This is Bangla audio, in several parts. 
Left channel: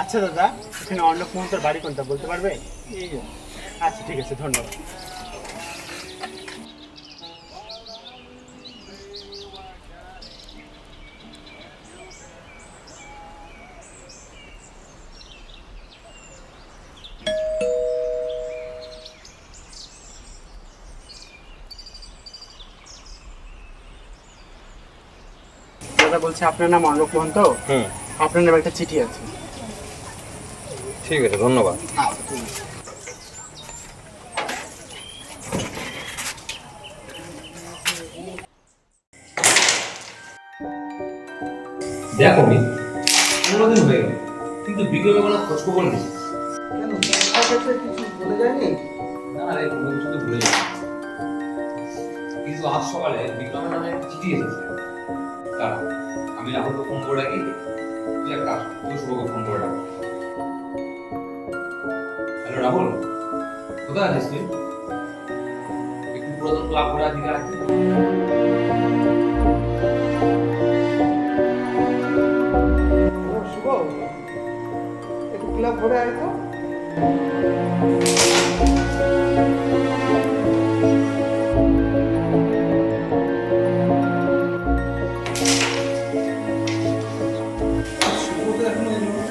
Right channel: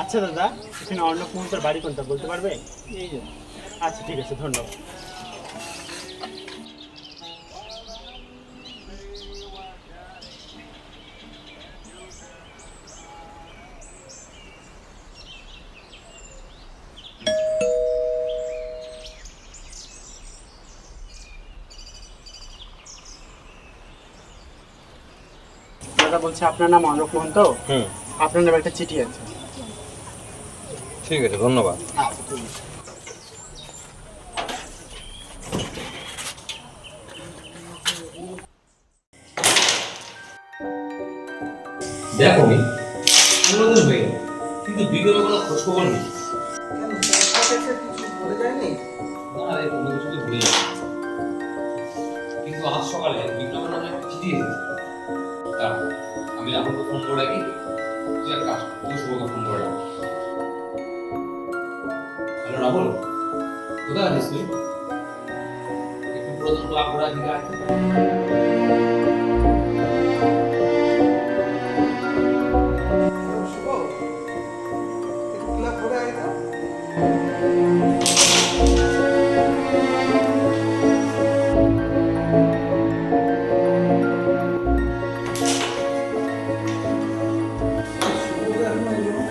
আচ্ছা দাদা, এখানে অর্ণব মোহন্তর বাড়ি কোনটা বলতে পারবে? এই যে আচ্ছা ঠিক আছে, ধন্যবাদ। দাদা বলছে আপনার নাম অর্ণব মোহন্ত, আপনার নামে একটা চিঠি আছে। ঠিক আছে, ধন্যবাদ। আচ্ছা ঠিক আছে। দেখো আমি 15 দিন হয়ে গেল, কিন্তু বিক্রমের কোনো খোঁজ খবর নেই। কেন তোমার কাছে কিছু বলে যায়নি? না রে, কোনো কিছু তো ভুলে যাই, কিন্তু আজ সকালে বিক্রমের নামে একটা চিঠি এসেছে। দাঁড়া, আমি রাহুলকে ফোন করে রাখি। তুই এক কাজ কর, তুই শুভকে ফোন করে রাখ। হ্যালো রাহুল, কোথায় আছিস তুই? একটু পুরাতন ক্লাব ঘোরার দিকে আয়। হ্যালো শুভ, একটু ক্লাব ঘুরে আয় তো। শুভ তো এখনো এলো না।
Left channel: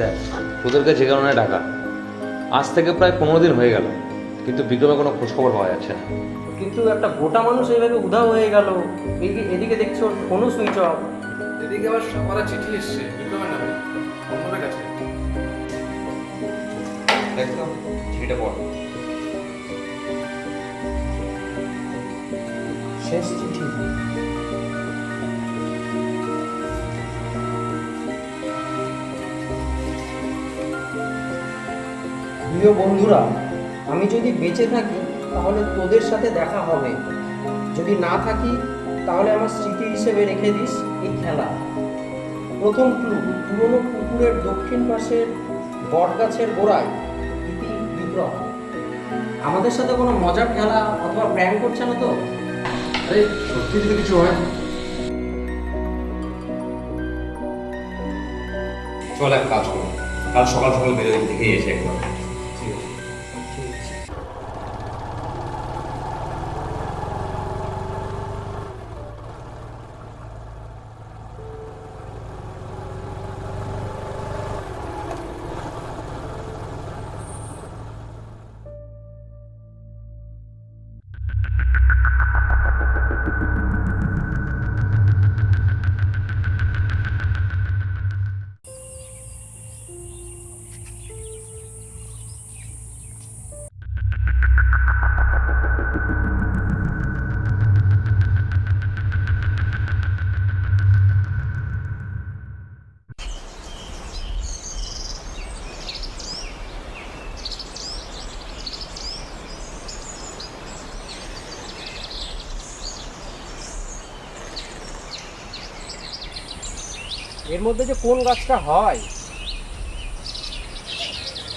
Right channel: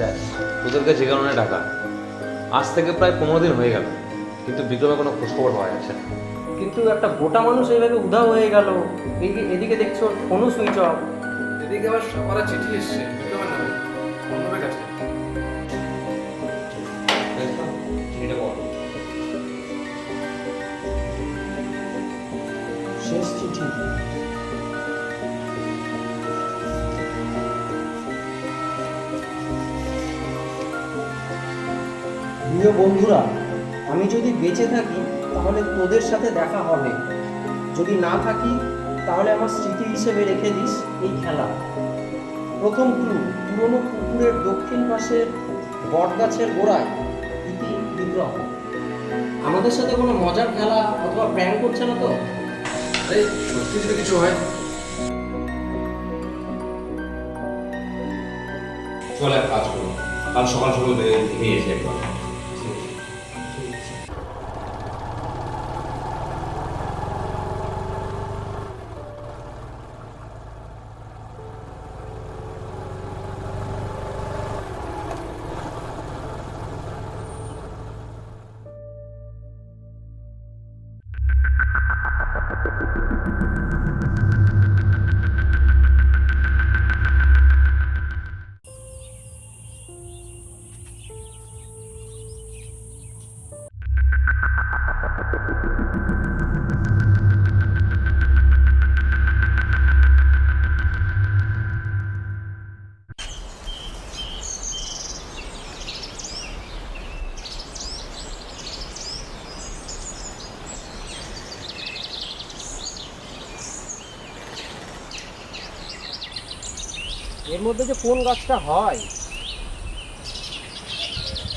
দেখ, তোদেরকে যে কারণে ডাকা, আজ থেকে প্রায় 15 দিন হয়ে গেল, কিন্তু বিক্রমের কোনো খোঁজ খবর পাওয়া যাচ্ছে না। কিন্তু একটা গোটা মানুষ এইভাবে উধাও হয়ে গেল। এদিকে দেখছো ফোনও সুইচ অফ। এদিকে আবার সামারা চিঠি এসছে বিক্রমের নামে অন্যদের কাছে। দেখ তো, চিঠিটা পড়। শেষ চিঠি। প্রিয় বন্ধুরা, আমি যদি বেঁচে থাকি তাহলে তোদের সাথে দেখা হবে, যদি না থাকি তাহলে আমার স্মৃতি হিসেবে রেখে দিস এই খেলা। প্রথম ক্লু, পুরনো পুকুরের দক্ষিণ পাশের বটগাছের গোড়ায় ইতি বিগ্রহ। আমাদের সাথে কোনো মজার খেলা অথবা প্র্যাঙ্ক করছে না তো? আরে সত্যি যদি কিছু হয়? চল এক কাজ করি, কাল সকাল সকাল বেরিয়ে দেখে এসে একবার। এর মধ্যে যে কোন গাছটা হয়?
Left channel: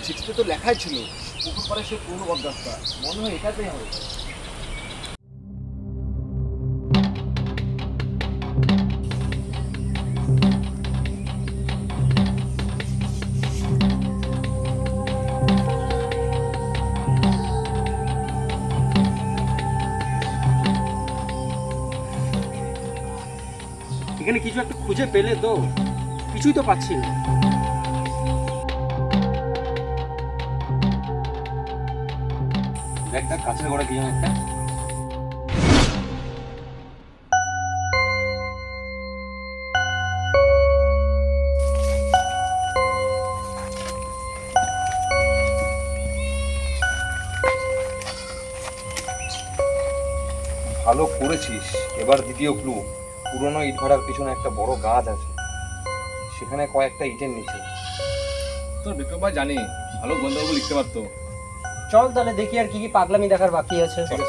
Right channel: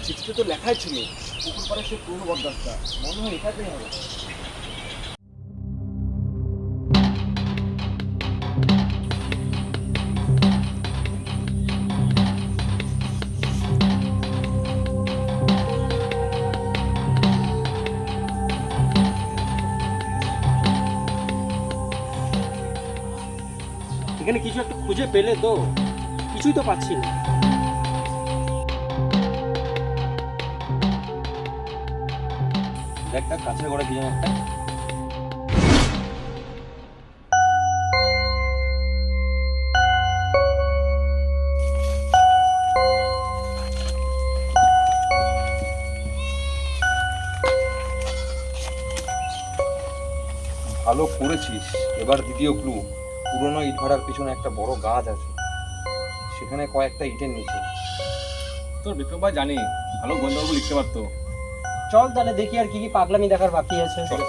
চিঠিতে তো লেখাই ছিল পুকুর পাড়ে সে পুরনো বটগাছটা, মনে হয় এটাতেই হবে। এখানে কিছু একটা খুঁজে পেলে তো? কিছুই তো পাচ্ছি না। দেখ দেখ, কাছের গোড়া কি যেন একটা। ভালো করেছিস। এবার দ্বিতীয় ক্লু, পুরনো ইট ভাটার পিছনে একটা বড় গাছ আছে, সেখানে কয়েকটা ইটের নিচে। তোর বিক্রম ভাই জানি ভালো গন্ধর্ব লিখতে পারতো। চল তাহলে দেখি আর কি কি পাগলামি দেখার বাকি আছে। চল।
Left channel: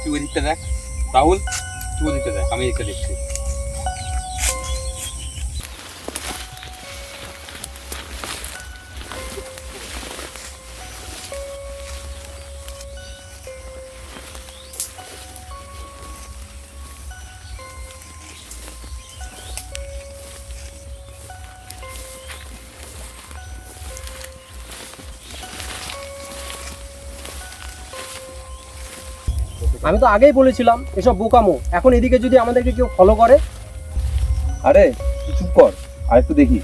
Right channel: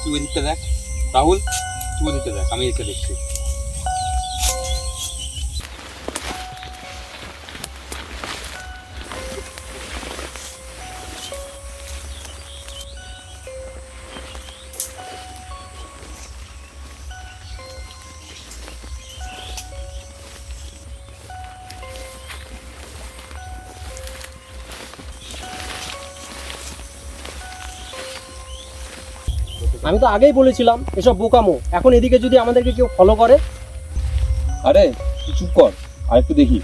তুই ওই দিকটা দেখ, রাহুল তুই ওই দিকটা দেখ, আমি এদিকটা দেখছি। আমি তো আগেই বলেছিলাম এসব বোকামো। এখন এদিকে যদি আমাদেরকে কেউ ফলো করে। আরে তুই চুপ কর, আর একটু দেখি।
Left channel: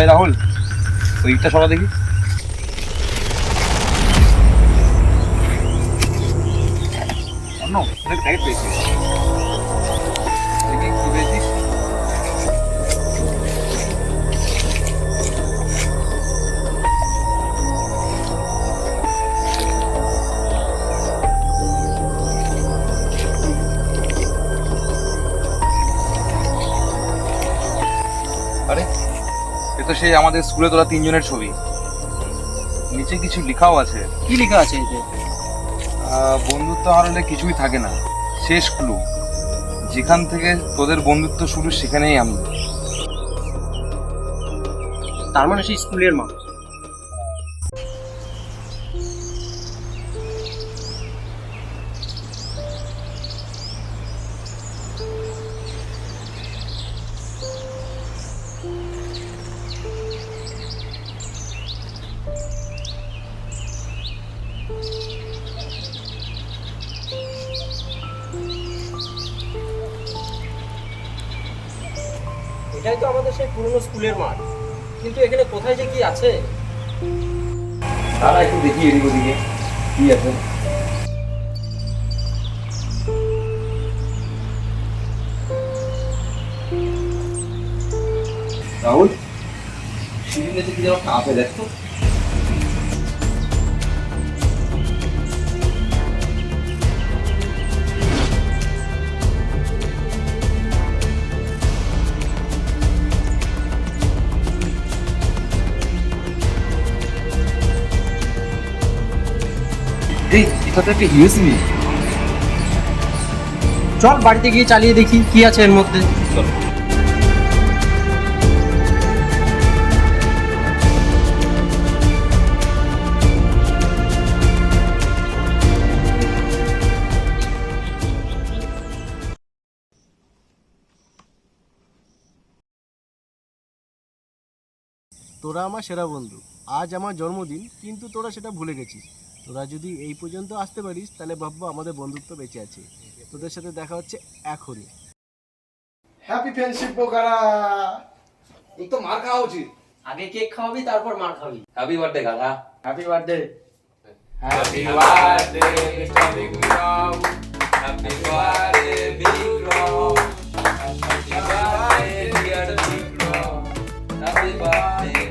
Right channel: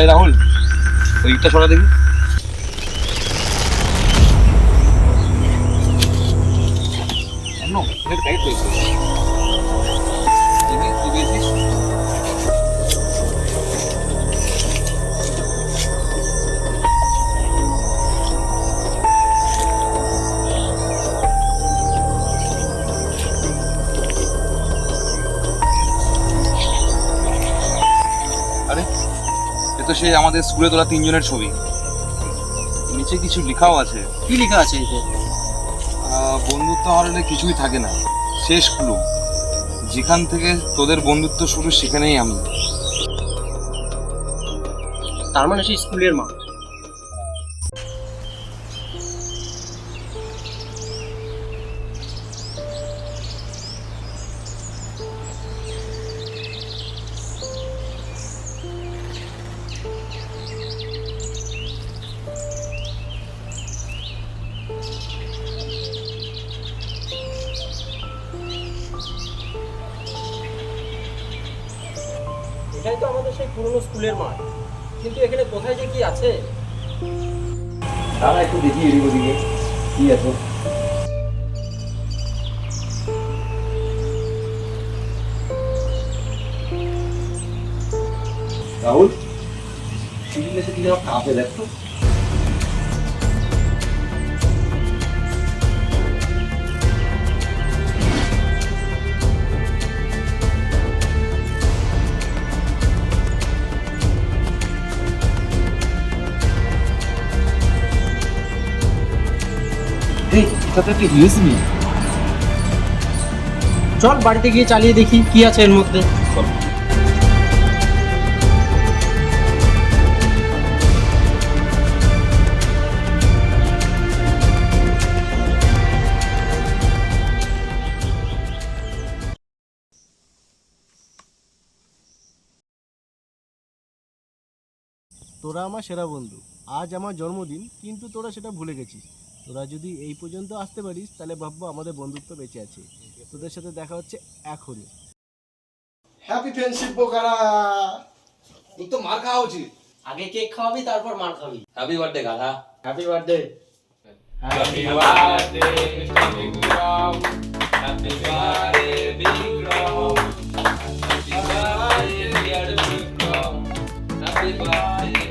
এই রাহুল, ওই ইটটা সরা দেখি। অনেক টাইট পেয়েছি, দেখি কি পেয়েছিস। আরে এ তো সেই আমাদের স্কুলে তোলা 3 জনের ছবি। নিচে কিছু লেখাও আছে। কি লেখা আছে এতে? বন্ধুত্ব হারালে কিছুই থাকে না, শেষ ক্লু। যেখান থেকে তোদের বন্ধুত্ব শুরু সেখানেই আমি। তার মানে সেই স্কুলের মা। এটাই তো আমাদের সেই পুরনো স্কুলের মাঠ, কিন্তু এখানে কোথায় যে কি আছে। তারা একটু দেখি এদিক ওদিকে কি আছে। রাহুল, সিঁড়ির নিচে কি যেন কাঁপে, দেখতো। এটা তো একটা ইউএসবি। চল বাড়িতে গিয়ে চালিয়ে দেখি কি আছে এর মধ্যে। চল। তোরা আমার সেরা বন্ধু। আজ আমার জন্মদিন, কিন্তু তোরা সেটা ভুলে গেছিস। তোরা যদি এই পর্যন্ত আসতে পারিস তাহলে ভাববো আমাদের বন্ধুত্ব বেঁচে আছে। তোদের সাথে দেখা হচ্ছে এখনই। হ্যাপি ফ্রেন্ডশিপ বোকারা। তোর তো মার খাওয়া উচিত। আগে কেক খাওয়াবি, তারপর মার খাবি। হ্যাপি বার্থডে গাধা। Happy birthday. Happy birthday mister Vikram. Happy birthday Vikram. Happy birthday dear Vikram. Happy birthday